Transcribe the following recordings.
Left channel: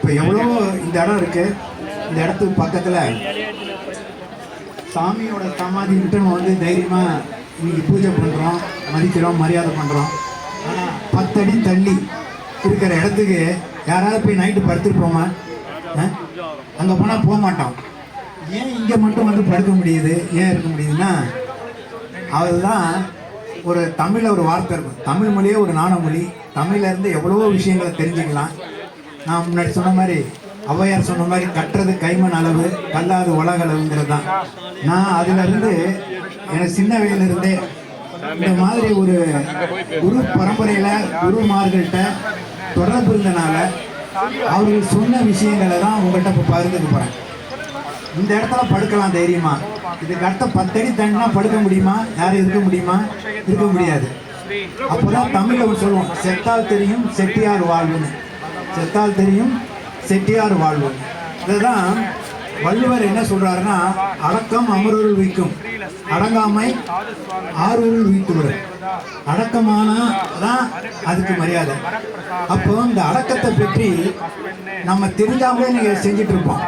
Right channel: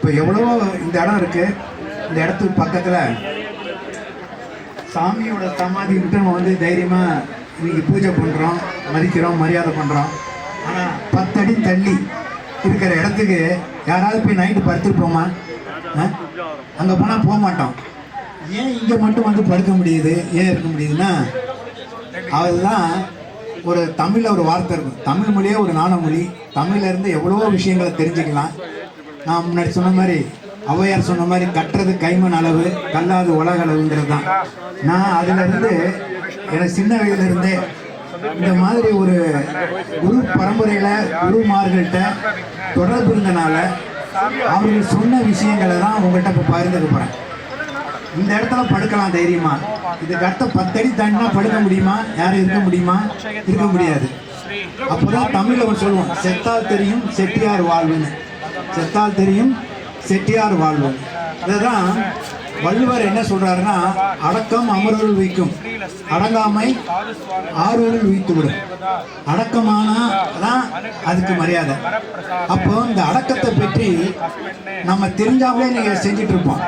இப்போ எவ்வளவோ இந்த இடம் இருக்கு. இந்த இடத்துக்கு பக்கத்தில் சாமியோட சமாதி நம்ம வந்து தைரியமாக இன்னைக்கு பூஜை பண்ணுறோம் மதிக்கிறோம் மரியாதை பண்ணுறோம் ஆனால் பத்தடி தள்ளி இருக்கிற இடத்துக்கு யாராவது போய் நைட்டு படுத்துட்டு போமா அங்கே போனால் போக மாட்டோம். ஏன் இங்கே மட்டும் வந்து படுக்க முடியுது? ஏன் இருக்க முடியுதுன்னா அதுதான் ஒரு தமிழில் ஒரு வார்த்தை இருக்கும். தமிழ் மொழியே ஒரு நாண மொழி இருந்து எவ்வளவோ விஷயங்களை தெரிஞ்சுக்கலாம். நான் முன்னாடி சொன்ன மாதிரி ஔவையார் சொன்ன மாதிரி கட்டுறது கைமண் அளவு கல்லாது உலக அளவுங்கிறது தான். நான் அதிலிருந்து எனக்கு சின்ன வயதிலிருந்தே இந்த மாதிரி ஒரு குரு பரம்பரையில் குருமார்கள்ட்ட தொடர்பு இருந்தனால அவர்கள் சொன்ன விஷயங்களை தான் உங்கள்கிட்ட இப்போ பகிர்ந்துக்க போறேன். இந்த இடத்துல படுக்கலாம் தைரியமா. இதுக்கு அடுத்த பத்தடி தாண்டினா படுக்க முடியுமா? யாரும் இருக்க முடியுமா? இருக்க முடியாது. அப்போதான் தமிழ்ல ஒன்று சொல்லுவோம் செத்தால் தெரியும் செட்டியார் வாழ்வுன்னு. செத்தால் தெரியும் செட்டியார் வாழ்வு இதுதான் வள்ளுவர் என்ன சொல்றாருன்னா அடக்கம் அமரருள் வைக்கும். அடங்காமை ஆறுவரில் உயித்து விடும் அடக்கமானா தான் அதுக்கு மரியாதை. அப்போ இந்த அடக்கத்தை பற்றி நம்ம தெரிஞ்சாவே நீங்க செஞ்சுட்டு இருப்போம்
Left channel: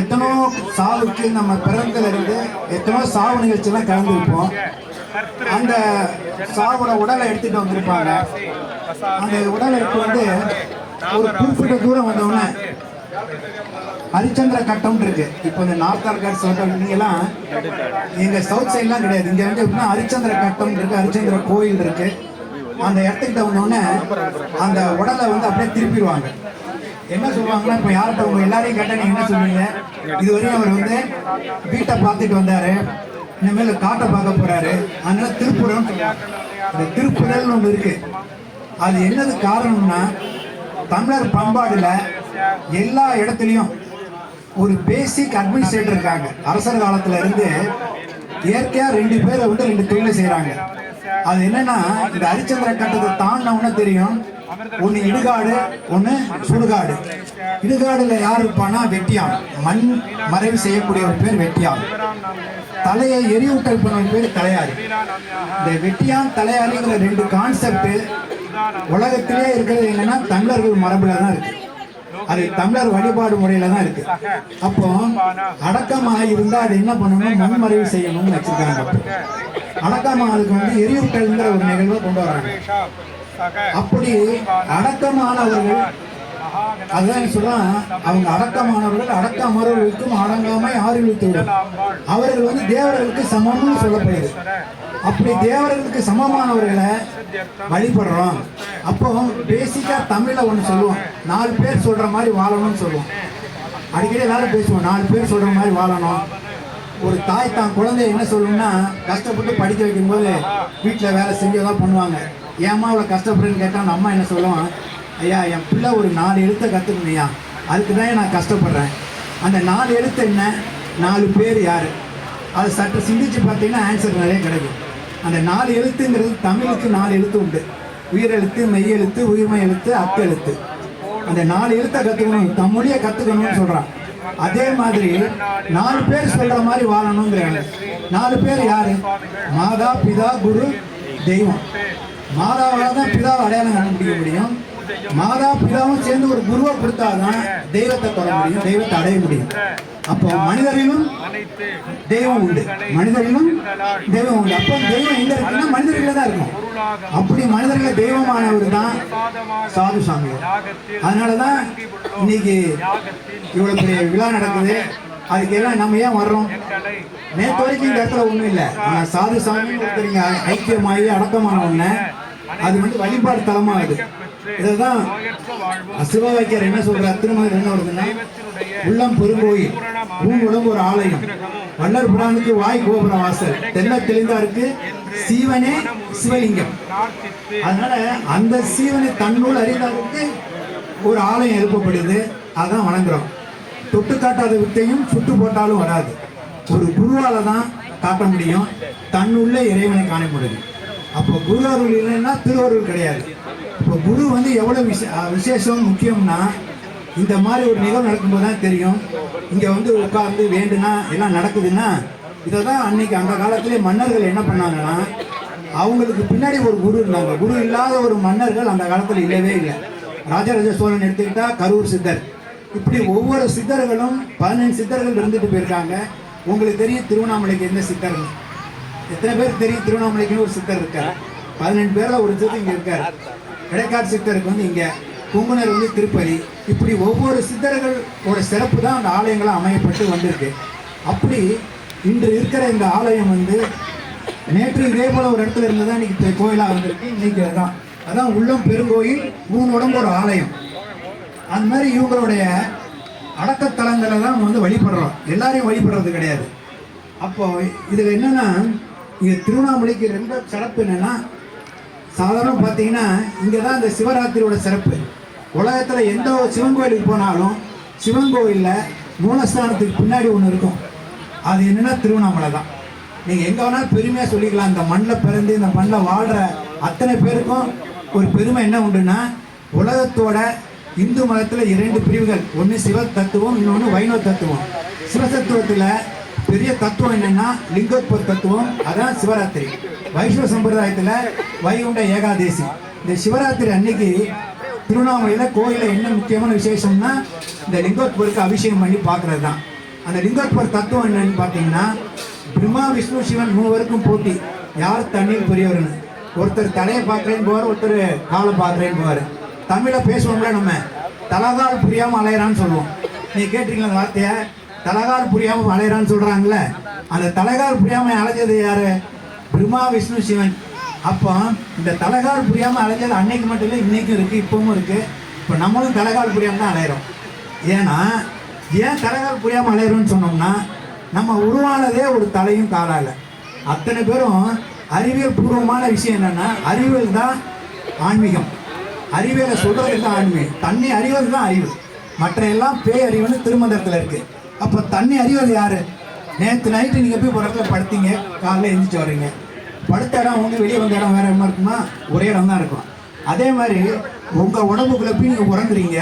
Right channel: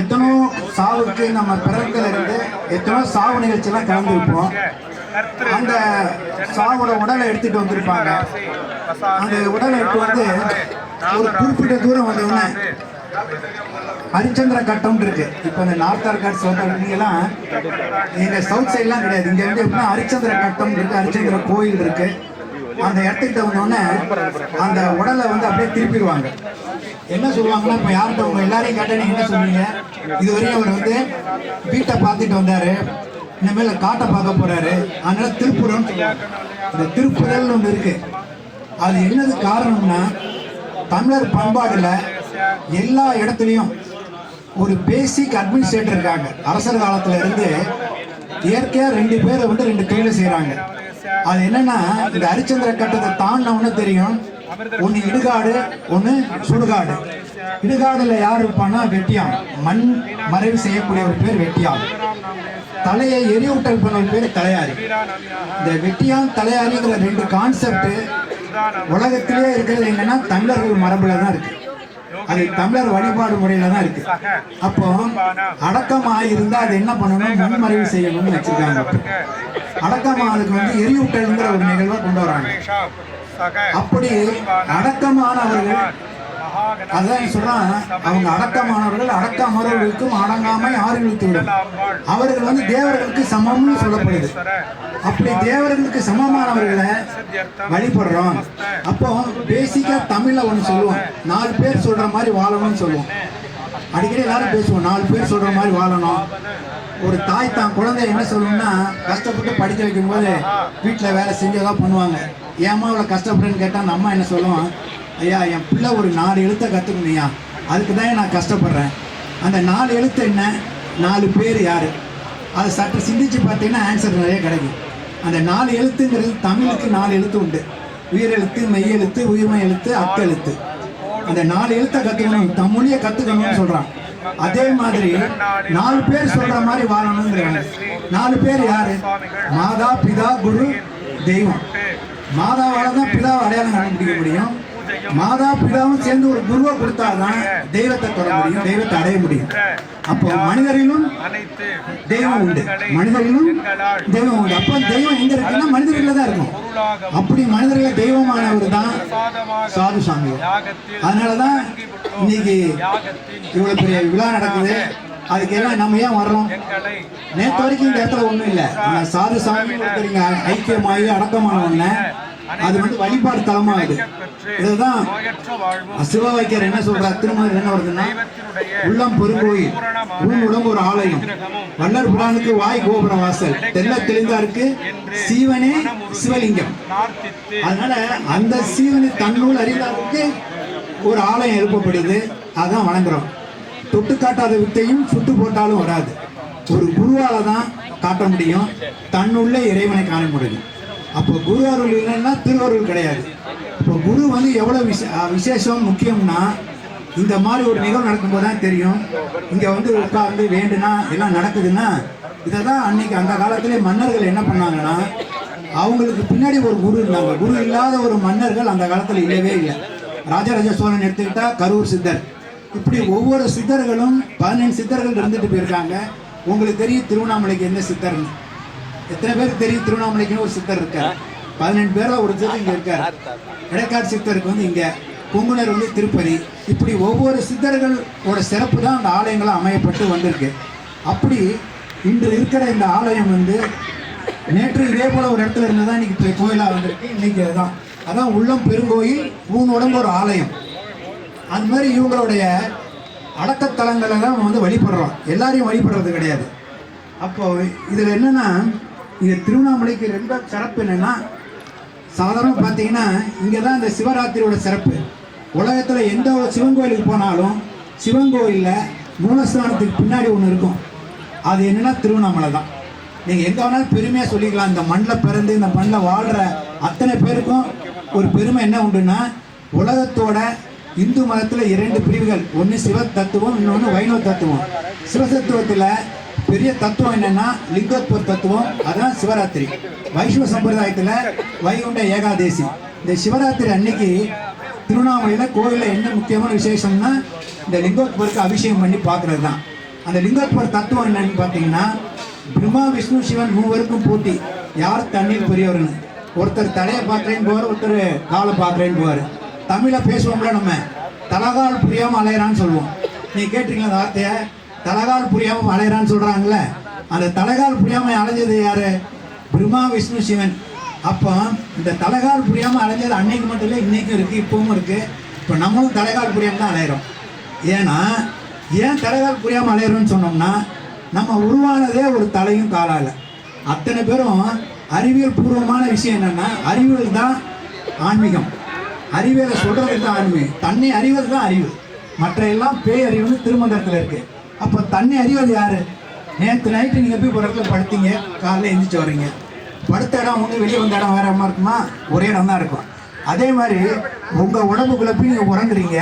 எத்தனோ சாவுக்கு நம்ம பிறந்தல இருந்து எத்தனோ சாவு நிகழ்ச்சியெல்லாம் கலந்துருப்போம். அந்த சாவோட உடலை எடுத்துட்டு வந்திருப்பாங்க. அந்த உடலை எடுத்து வந்து ஒரு குறிப்பிட்ட தூரம் வந்தவுடனே ஹரிச்சந்திர கட்டம் இருக்கு. இப்போ இந்த நார்த் ஆர்காட் சவுத் எல்லாம் எங்க சவுத் சைட்லாம் கிடையாது. இங்க வந்து எப்படின்னா ஹரிச்சந்திர கட்டம் இருக்கு ஹரிச்சந்திர கோயில் இருக்கு. அந்த இடத்துக்கிட்ட வந்தோடனே அந்த உடலை வந்து அப்படியே திருப்பிடுவாங்க. என்ன சொல்லுவாங்கன்னா இப்போ யார்கிட்ட உங்க எல்லாரையும் கேட்டா நீங்க என்ன சொல்லுவீங்க? இதுவரையும் அவர் வந்து வீட்டை பார்த்துட்டு வந்தாரு. இனிமேல் காட்டை பார்க்க போறாரு. அதனால சொல்லுவாங்க. இந்த திருப்புடல்னு ஒன்று இருக்கு. அது என்னது காரணம்னா தமிழர் பண்பாடுல எல்லா இடத்துலையும் ஒரு பேசிக் அட்மினிஸ்ட்ரேட்டர் இருக்காங்க. அரசர் காலத்துல இருந்து இயற்கையா ரெண்டு பேரை வந்து ரெண்டு தொழிலை செய்யறாங்க அது என்னன்னா இந்த ஹரிச்சந்திர கட்டத்தை தாண்டவனே தெரியும். ஒன்னு இடுகாடு ஒன்னு சுடுகாடு. இடுகாடுல யார் இருப்பான்னா வெட்டியான். மண் மறைவு செய்யக்கூடிய ஒரு பேர் வெட்டியான். தலையை எரியூட்டல் பண்ண ஒரு பேர் தலையாரி. இந்த வெட்டியான் தலையாரிங்கிற ரெண்டு கான்செப்ட் உலகத்திலே இருக்கிறது என்னன்னா தமிழர்கள் மரபுல தான் இருக்கு. அது தமிழர் வழிபாடு முறையில தான் இருக்கு. அப்போ அடக்கம் ஆகியிருந்தா அது என்ன பண்ணணும்? மண்மறைவு செய்யணும்னு வச்சிருக்காங்க அப்போ. அடக்கம் அதுக்கு வந்து எரியூட்டல்ங்கிற ஒரு நிகழ்வை கொண்டு வராங்க. அப்படி அடக்கமானவர்கள் அதான் சொல்றான் அவங்க அடக்கமானவர்கள் அடக்கமானவர்களுக்கும் அமரர்களுக்கும் அடங்காமை ஆறுகளுக்கு அவர்கள் வந்து தேவர்களுக்கு சமம்னு சொல்லப்படுது. அப்படி தேவர்களுக்கு சமமானவர்களை வழிபடுறோம். அப்போ பேசிக்கா தமிழ்ல ஒன்று சொல்லுவோம். நாலு பேர் சொல்ற மாதிரி வாழணும்னு சொல்லுவோம். அடிக்கடி எல்லாரும் பேசுவோம் நாலு பேர் சொல்ற மாதிரி வாழணும். ஒரு தாய் தான் குழந்தைய என்ன சொல்லணும்னா கஷ்டப்பட்டு படிக்க வைக்கும்போது வீட்டில் வேலை செஞ்சு ஏதாவது பண்ணுவாங்க. ஏமா அவ்வளோ கஷ்டப்படுறேன்னு கேட்டால் நம்ம என்ன சொல்லுவோம்? ஐயா என் பிள்ளை ஒரு நாலு எழுத்தை கற்றுக்கணுயா அதுக்கு தான் நான் கஷ்டப்படுறேன். அந்த நாலு எழுத்து என்ன? நாலு பேர் யார்? அது சற்று சிந்திச்சு பார்த்தீங்கன்னா ஆன்சர் நிறைய கிடைக்கும். அந்த நாலு எழுத்துங்கிறது தமிழுக்கு நாலு எழுத்து உண்டு. உயிரெழுத்து மெய்யெழுத்து உயிர்மை எழுத்து அக்கெழுத்து அந்த நாலு எழுத்தை கற்றுக்கணும் தமிழையே கற்றுக்கணும்னு சொல்கிறான் அதே மாதிரி நாலு பேர் சொல்ற மாதிரி வாழணுங்கிறாங்க. நாலு பேர் யாரு? மாதா பிதா குரு தெய்வம். மாதாவால தான் பிதாவை அடையாளம் கண்டுபிடிக்க முடியும். மாதா பிதாவும் சேர்ந்து ஒரு குருவை கொடுத்தாதான் தெய்வத்தை தொட முடியும் தெய்வத்தை அடைய முடியும். அப்போ மனிதரிலும் தெய்வம் உண்டு. மனிதரிலும் தெய்வம் உண்டு. அப்போ தெய்வம் எங்க இருக்குன்னா மனிதர்களில் தான் இருக்கும் அப்படி மனிதர்களை தெய்வமானவர் தான் சாது சாமியார் அதனாலதான் இன்னைக்கு இவ்வளவு பெரிய விழா நடக்குது. அதுக்கு எல்லாம் நம்ம ஏன் வர்றோம்? நேற்று வரைக்கும் இந்த இடத்துல ஒண்ணும் இல்லை. ஆனா சாது சாமி ஒருத்தர் இங்க ஐக்கியமாகி அடக்கமான ஒண்ணு. அது வந்து வழிபாடு தலமாகுது. இதுதான் சிவவாக்கியர் என்ன சொல்றார்? திருமணம் என்ன வருதுன்னா உள்ளம் பெருங்கோயில் உள் உடம்பு ஒரு ஆலயம். வல்லர் புராணுக்கு வாய் கோபுரம் வாசல். தெல்ல தெளிந்தாருக்கு சீவனே சிவலிங்கம். அதனால அந்த சீவனை தன்னுள் அறிந்தாருக்கு ஒரு ஆலயம் எழுப்பப்படுது. அதான் வணங்குறோம். தொட்டு காட்டாத வித்தையும் சுட்டு போட்டாலும் வராது. ஒரு குருவால தான் காட்ட முடியும். தன்னுள்ளே இறைவனை காண முடியும். அப்போ குரு அருள் இல்லைன்னா திருவருள் கிடையாது. இப்போ குரு வந்து எவ்வளோ விசே விசேஷம் முக்கியம்னா இந்த மாதிரி ஒரு நிகழ்வு நடக்கும்போது தான் தெரியும். இங்கே வந்து உட்கார்ந்து வேண்டுனா எல்லாம் நடக்குதுன்னா இதை தான் அன்னைக்கு அந்த காலத்திலே மன்னர்கள் என்ன பண்ணாங்கன்னா அவங்களுக்கு பின்னாடி ஒரு குரு இருந்தாங்க. குரு இல்லாத ஒரு மன்னர்கள் அந்த காலத்தில் இல்லவே இல்லை. ராஜராஜ சோழன் எடுத்துக்கிட்டா கரூர் சித்தர். இப்படி ஒவ்வொரு சித்தர்களும் பதினஞ்சு சித்தர்கள் இருந்துட்டு போயிருக்காங்க. உங்களுக்கு தெரியும் திருவண்ணாமலைக்கு என்ன சித்தர் எத்தனை பேருக்கு தெரியும் திருவண்ணாமலைக்குன்னு ஒரு சித்தர் இருக்கார். பதினெண்டு பேர்ல ஒரு சித்தர் இங்க இருக்கார். இடைக்காடு சித்தருக்கு வந்து இங்க கும்பனர் வந்து திருப்பதி. இப்படி ஒவ்வொரு சித்தர்களோட சிறப்பு தான் அந்த ஆலயங்களும் அமையப்பட்டு வந்திருக்கு. அப்படி இன்று இருக்கிற இந்த ஆலயம் வந்து நேற்று இதே போல ஒரு இடத்துல இருந்து தான் இன்னைக்கு இப்ப கோயிலா வந்திருக்கு. இன்னைக்கு அதான். அதான் உள்ளம் பெருங்கோயில் மூணு உடம்பு ஒரு ஆலயம். அந்த மாதிரி இவங்களுடைய அடக்கத்தலங்களை தான் நம்ம வந்து வழிபடுறோம். எல்லாரையும் வழிபடுறது கிடையாது. அப்போ இதில் என்னன்னா இது திருவண்ணாமலைக்கு ரொம்ப சிறப்பு என்னன்னா சாதாரணமாக பார்த்தீங்கன்னா இங்கே தான் இந்த சிவராத்திரியோட சிறப்பு. உலகத்தில் எந்த ஒரு சிவன் கோயிலுக்கு போனாலும் சிவன் கோயிலில் மூலஸ்தானத்துக்கு பின்னாடி ஒன்று இருக்கும். அது என்னென்னா திருவண்ணாமலை தான் நீங்கள் எங்கே வேணாலும் பெருமையாக சொல்லிக்கலாம். இந்த மண்ணில் பிறந்து இந்த மண்ணில் வாழ்கிற அத்தனை பேருக்கும் ஒரு பெருமை என்ன உண்டுன்னா உலகத்தோட இந்து மதத்தில் இரண்டு பிரிவுகள். ஒன்று சிவ தத்துவம் இன்னொன்று வைணவ தத்துவம் சிவதத்துவத்தில் பெரிய தத்துவம் என்னன்னா லிங்கோத்பர் தத்துவம் அதான் சிவராத்திரி. வைஷ்ணவ சம்பிரதாயத்தில் வைகுண்ட ஏகாதேசி. இந்த சிவராத்திரி அன்னைக்கு திருவண்ணாமலையில் கோயிலில் என்ன முக்கியமான விசேஷம்னா இந்த லிங்கோத்பருக்கு அபிஷேகம் பண்ணி பார்க்கறது தான் அந்த லிங்கோத்பர் தத்துவம் என்னன்னு பார்த்தீங்கன்னா பிரம்மா விஷ்ணு சிவன் மூவருக்கும் போட்டி. யார் தண்ணீர் பெரியவர்னு. ஒருத்தர் தலையை பார்க்குறேன்னு போவார் ஒருத்தர் காலை பார்க்குறேன்னு போவார். தமிழை பேசுவோம்ல நம்ம. தலகால் புரியாமல் அலையிறான்னு சொல்லுவோம். நீ கேட்டீங்களா அந்த வார்த்தையை? தலைகால் புரியாமல் அலையிறான்னு சொல்கிறாங்களே அந்த தலைகால் புரியாமல் அலைஞ்சது யாரு? பிரம்மா விஷ்ணு சிவன். அப்போ இந்த தலைகால் புரியாமல் அலைஞ்சது அன்னைக்கு மட்டும் இல்லை இன்னைக்கும் இருக்குது இப்பவும் இருக்குது இப்போ நம்மளும் தலைகால் புரியாமல் தான் அலையிறோம். ஏன்னா ஏன் தலைகால் புரியாமல் அலையிறோம்னு சொன்னோம்னா நம்ம உருவானதே ஒரு தலையும் காலால. அத்தனை பேரும் அறிவியல் பூர்வமான விஷயம் என்னன்னா அறிவியல் தான் ஆன்மீகம். அறிவியலை சொல்றது தான் ஆன்மீகம். தன்னை அறிவது தான் அறிவு. மற்ற எல்லாம் பேய் அறிவுன்னு திருமந்திரத்தில் அப்போ தன்னை அறிவது யாரு? நேற்று நைட்டு நீங்கள் போய் ஒரு இடத்துல படுத்தீங்க காலையில் எழுந்திரிச்சு வர்றீங்க. படுத்த இடம் ஒன்று வெளியே வந்த இடம் வேற இடமா இருக்குமா? ஒரே இடம் தான் இருக்கும். அதே மாதிரி உங்கள் உடம்புக்குள்ள போய் நீங்கள் உறங்குறீங்க.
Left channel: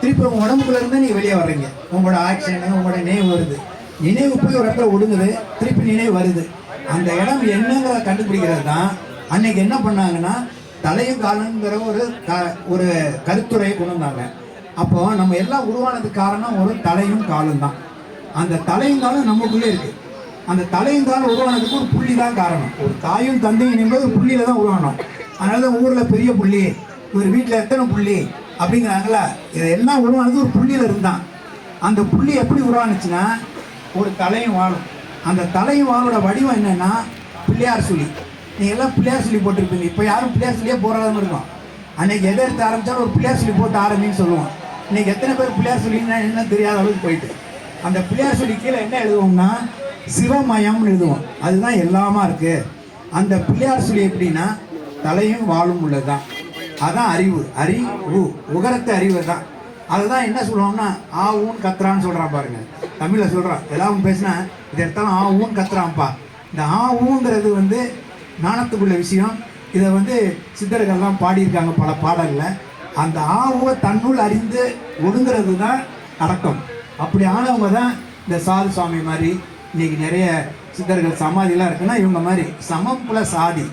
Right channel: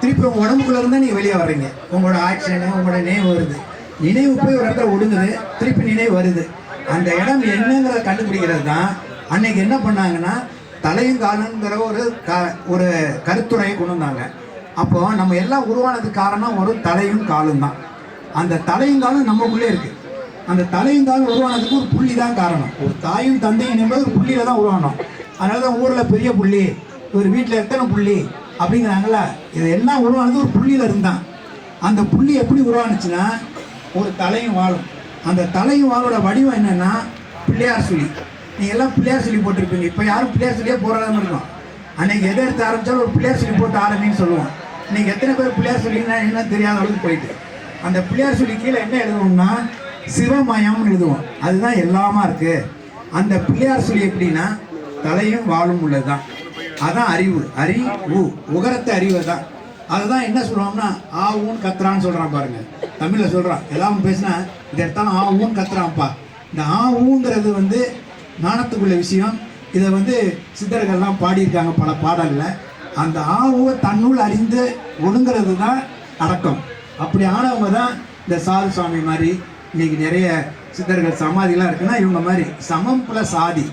திருப்பி உங்கள் உடம்புக்குள்ள இருந்தால் நீங்கள் வெளியே வர்றீங்க. உங்களோட ஆக்ஷனு உங்களோட நினைவு வருது. நினைவு போய் ஒரு இடத்துல ஒடுங்குது திருப்பி நினைவு வருது. அந்த இடம் என்னங்கிறத கண்டுபிடிக்கிறது தான் அன்னைக்கு என்ன பண்ணாங்கன்னா தலையும் காலங்கிற ஒரு க ஒரு கருத்துரையை கொண்டு வந்தாங்க. அப்போ நம்ம எல்லாம் உருவானதுக்கு காரணம் ஒரு தலையும் காலும் தான். அந்த தலையும் காலும் நமக்குள்ளே இருக்கு. அந்த தலையும் காலம் உருவானதுக்கு ஒரு புள்ளி தான் காரணம். ஒரு தாயும் தந்தையும் என்பது ஒரு புள்ளியில தான் உருவானோம். அதனால தான் ஊரில் பெரிய புள்ளி ஒரு வீட்டில் எத்தனை புள்ளி அப்படிங்கிறாங்களா? இது எல்லாம் உருவானது ஒரு புள்ளியில் இருந்தான். அந்த புள்ளி எப்படி உருவானுச்சுன்னா ஒரு தலையும் வாழும் அந்த தலையும் வாழோட வடிவம் என்னன்னா பிள்ளையார் சொல்லி நீ எல்லாம் பிள்ளையார் சொல்லி போட்டிருப்பீங்க. இப்போ யாரும் பிள்ளையார் சொல்லியே போராடாம இருக்கும் அன்னைக்கு எதை எடுத்து ஆரம்பித்தாலும் ஒரு பிள்ளையார் சொல்லி போட்டு ஆரம்பின்னு சொல்லுவோம். இன்னைக்கு எத்தனை பேர் பிள்ளையார் சொல்லிங்கன்னா என்ன தெரியாத அளவுக்கு போயிட்டு. அந்த பிள்ளையார் சொல்லி கீழே என்ன எழுதுவோம்னா சிவமயம்னு எழுதுவோம். அதுதான் எல்லாமா இருக்கு. அந்த பிள்ளையார் சொல்லி எப்படின்னா தலையும் வாழும் உள்ளதுதான். அதான் அறிவு. அறி உ. உகரத்தை அறிவு தான். அதுதான் என்ன சொல்லுவோம்னா ஆ ஊன் கத்துறான்னு சொல்றான் பாருங்க. தமிழ்ல சொல்றான். ஏதாவது பேசினா இது எடுத்தாலும் ஆ ஊன் கத்துறான்ப்பா. இந்த ஆ ஊங்கிறது வந்து நாணத்துக்குள்ள விஷயம். இதை வந்து சித்தர்கள்லாம் பாடியிருக்காங்க பல பாடல்களை அந்த ஆவுவை தன்னுள் அறிந்து ஒடுங்கிறது தான் அடக்கம். அப்படி ஆனவங்க தான் இந்த சாது சுவாமி மாதிரி இன்னைக்கு நிறைய சித்தர்கள் சமாதிலாம் இருக்குன்னா இவங்க மாதிரி சமம் பிளஸ் சாதி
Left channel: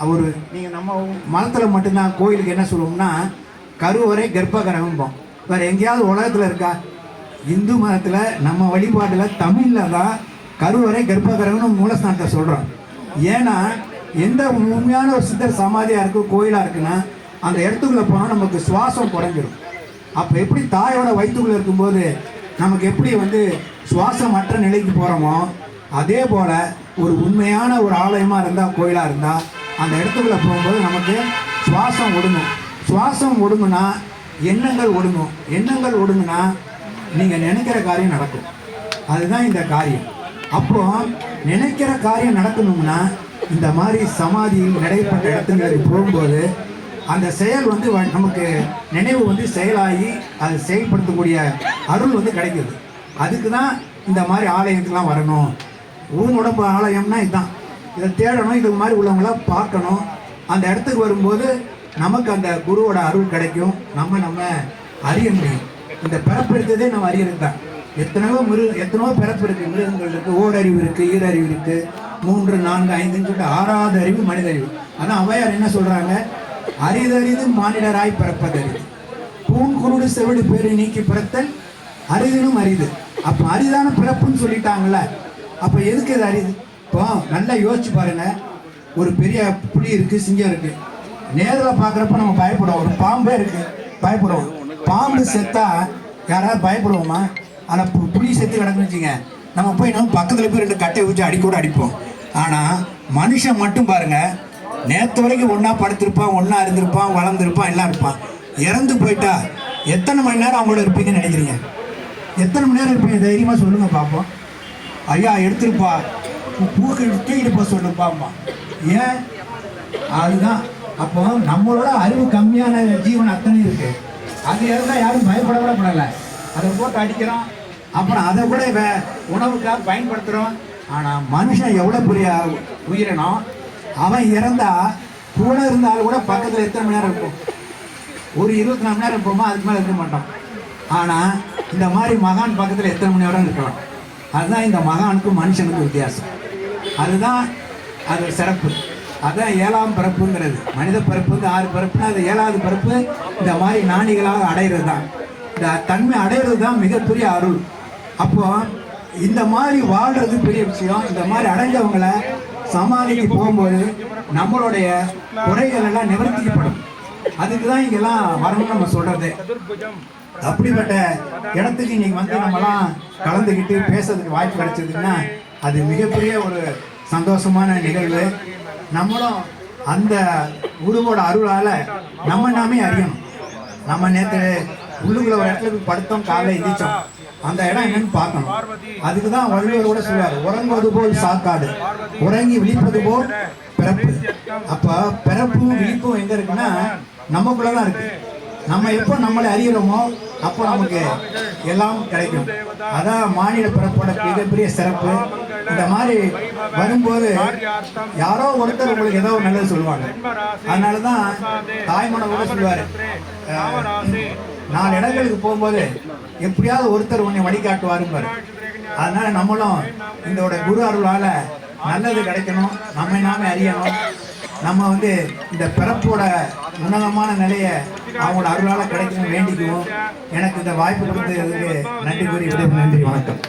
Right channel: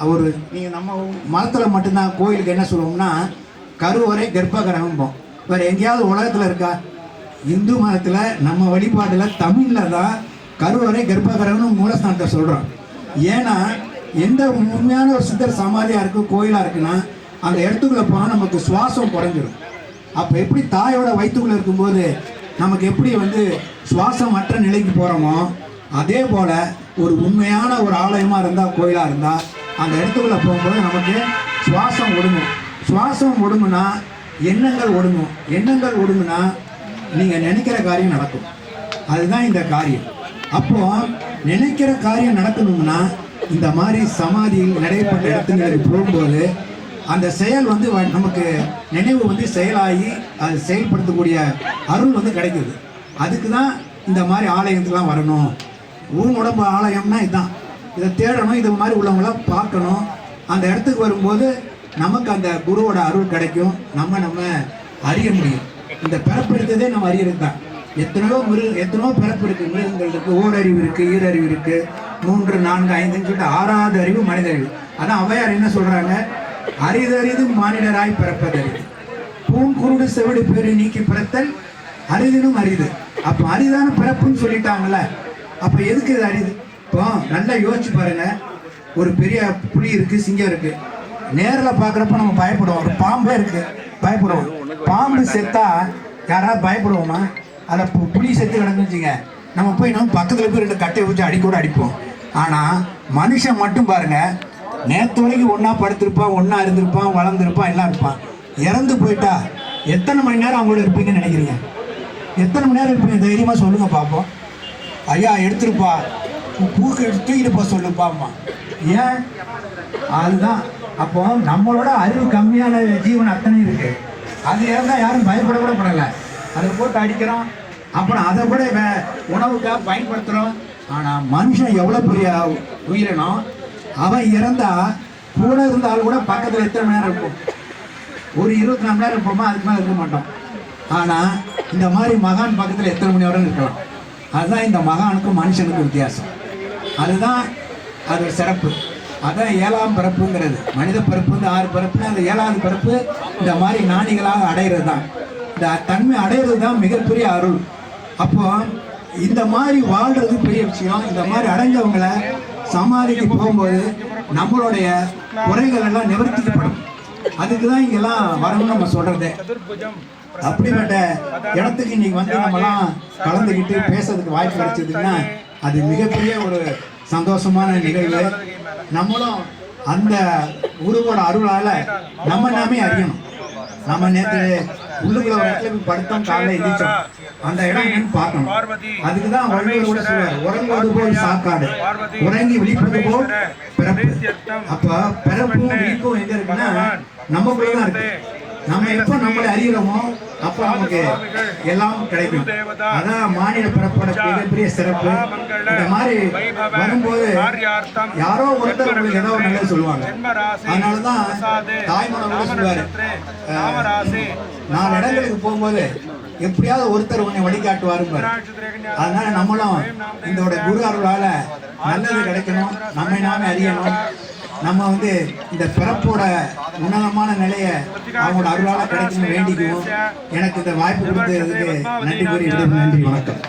அவர் நீங்கள் நம்ம மதத்தில் மட்டும்தான் கோயிலுக்கு என்ன சொல்லுவோம்னா கருவறை கர்ப்பகிரகம்போம். வேறு எங்கேயாவது உலகத்தில் இருக்கா? இந்து மதத்தில் நம்ம வழிபாட்டில் தமிழில் தான் கருவறை கர்ப்பகிரகம்னு மூலஸ்தானத்தை சொல்கிறோம் ஏன்னா எந்த உண்மையான ஒரு சித்தர் சமாதியாக இருக்குது கோயிலாக இருக்குன்னா அந்த இடத்துக்குள்ள போனால் நமக்கு சுவாசம் குறைஞ்சிடும் அப்போ எப்படி தாயோட வயிற்றுக்குள்ளே இருக்கும்போது நமக்கு எப்படி வந்து சுவாசம் மற்ற நிலைக்கு போகிறோமோ அதே போல் ஒரு உண்மையான ஒரு ஆலயமாக இருந்தால் கோயிலாக இருந்தால் அந்த இடத்துக்குள்ளே போகும்போது நமக்கு சுவாசம் ஒடுங்கும். சுவாசம் ஒடுங்குனா எண்ணங்கள் ஒடுங்கும். எண்ணங்கள் ஒடுங்குனா நீங்கள் நினைக்கிற காரியம் நடக்கும். அதுதான் இந்த காரியம். அப்போ நினைக்கிற காரியம் நடக்கணும்னா இந்த மாதிரி சமாதியில் நடைபெற்ற இடத்துங்களுக்கு போகும்போது அந்த செயல் வந்து வ- நமக்கு நினைவு வந்து செயலாகி அது செயல்படுத்தக்கூடிய அருள் வந்து கிடைக்குது. அதுக்கு தான் இந்த மாதிரி ஆலயத்துக்குலாம் வரணும். ஊன் உடம்பு ஆலயம்னா இதுதான் இதை தேடணும் இது மாதிரி உள்ளவங்களாம் பார்க்கணும். அந்த இடத்துக்கு வரும்போது நமக்கு அந்த குருவோட அருள் கிடைக்கும். நம்ம நம்ம அறிய முடியும். இந்த பிறப்பு எடுத்ததே நம்ம அறியறது தான். எத்தனையோ மிருக எத்தனையோ பிறப்பு இருக்குது மிருகங்கள் இருக்குது ஓரறிவு இருக்குது ஈரறிவு இருக்குது மூன்று நான்கு ஐந்துன்னு சொல்லிட்டு ஆறாவது அறிவு மனித அறிவு அதான் அவையார் என்ன சொல்கிறாங்க அரிதறிது மானிடராய் பிறப்பதறிது பூங்குருடு செவிடு பேரு நீக்கி பிறத்தல் அரிதினும் அரிது. அப்ப அரிதான பிறப்புன்னு சொல்லிட்டாங்கல்ல அப்ப எதுக்கு இது அரிது? இப்போ நல்லா யோசிச்சு பாருங்க. ஒரு பெரிய புலி இருக்கு சிங்கம் இருக்கு. நேரில் பார்க்குறப்ப நம்ம பயப்படுவோம். ஒரு பாம்பே இருக்கு பயப்படுவோம். பாம்பு செத்தா யாராவது பயப்படுவோமா? அந்த பு- புலி செத்து கிடந்துச்சிங்க நம்ம போய் நம்ம பக்கத்தில் போய் ரெண்டு கட்டையை ஊற்றி அடிக்கூட அடிப்போம். ஆனால் மனுஷன் மட்டும் பாருங்க நேற்று வரைக்கும் ஒன்றா படுத்திருப்பான் ஒன்றா இருந்திருப்பான் வளர்ந்துருப்பான் எல்லாம் இருப்பான். இறந்து போயிட்டா எத்தனை மணி நேரம் அவங்களோட இருப்பீங்கன்னு நினைக்கிறீங்க? எத்தனை மணி நேரம் இருப்பீங்க? தைரியமாக சொல்லுங்கள் பார்ப்போம் ஐயா எடுத்துருப்பா. பூக்கு எடுத்து தூக்கிட்டு சொல்லுப்பாம்மா ஏன்? அதுதான். அப்போ நம்மளோட அறிவு கம்மியான ஜீவன் அத்தனை இருக்கு. அது இருந்தா யாரும் பயப்பட கூட படல அதை போட்டு அடிக்கிறோம். அப்புறம் அதை கூட வே- உணவுக்காக பயன்படுத்துகிறோம் ஆனால் மனுஷன் எவ்வளோ பெரிய உயிரினம்? அவன் இறந்தா கூட இருந்தாலும் கூட பக்கத்தில் எத்தனை மணி நேரம் இருக்கும்? ஒரு இருபத்தி நாலு மணி நேரம் இருப்போமா அதுக்கு மேலே இருக்க மாட்டோம். ஆனால் இந்த மாதிரி மகான் பக்கத்தில் எத்தனை மணி நேரம் இருக்கலாம்? அதுதான் இந்த மகானுக்கும் மனுஷனுக்கும் வித்தியாசம். அதுதான் அது ஒரு சிறப்பு. அதான் ஏழாம் பிறப்புங்கிறது. மனித பிறப்பு வந்து ஆறு பிறப்புனா அது ஏழாவது பிறப்பு. இந்த மாதிரி நாணிகளாக அடையிறது தான் இந்த தன்மை அடையிறது தான் மிகப்பெரிய அருள். அப்போ இந்த மாதிரி வாழ்றது பெரிய விஷயம். இந்த மாதிரி அடைஞ்சவங்களை சமாதிக்கு போகும்போது நம்மளுடைய குறைகள் எல்லாம் நிவர்த்திக்கப்படும் அதுக்கு தான் இங்கெல்லாம் வரணும்னு நம்ம சொல்றது. அப்படிப்பட்ட இடத்துக்கு இன்னைக்கு வந்து நம்மலாம் கலந்துக்கிட்டு பேசுறதுக்கு வாய்ப்பு கிடைச்சதுன்னா அது மிகப்பெரிய ஒரு சந்தோஷமான நிகழ்வு. நம்மளும் அந்த குருவோட அருளால நம்ம நாமே அறியணும். நம்ம நேற்று உள்ளுக்குள்ள ஒரு இடத்துல போய் படுத்தோம் காலைல எந்திரிச்சோம். அந்த இடம் என்னன்னு பார்க்கணும். அதுக்கு தான் வள்ளுவர் கூட சொல்லுவாரு உறங்குவது போல் சாக்காடு உறங்கி விழிப்பது போல் பிறப்பு. அப்ப பிறப்பும் விழிப்பும் எங்க இருக்குன்னா நமக்குள்ளதான் இருக்கு. நம்ம எப்போ நம்மளை அறியறோமோ அப்போ நமக்கு எல்லாம் கிடைக்கும். அதான் மாநில பிறப்போட மிகப்பெரிய சிறப்பு. இந்த மாதிரி வரும்போது யாரோ ஒருத்தர் உங்களுக்கு ஏதோ ஒரு நல்லது சொல்லுவாங்க. அதனாலதான் தாய்மனம் கூட சொல்லுவாரு நாலு இடங்களுக்கு போகும்போது எப்படியாவது ஒருத்தர் உன்னை வழிகாட்டுவாருப்பாரு அதனால நம்மளும் இதோட குரு அருளால நல்லது கிடைக்கணும். நம்மை நாமே அறியணும். நம்ம வந்து இந்த பிறப்போட உன்னதமான நிலையை அவங்களோட அருளால கிடைக்கணும் வேண்டிக்குவோம். எனக்கு இந்த வாய்ப்பு கொடுத்ததுக்கு நன்றி கூறி விடுவோம் நன்றி வணக்கம்.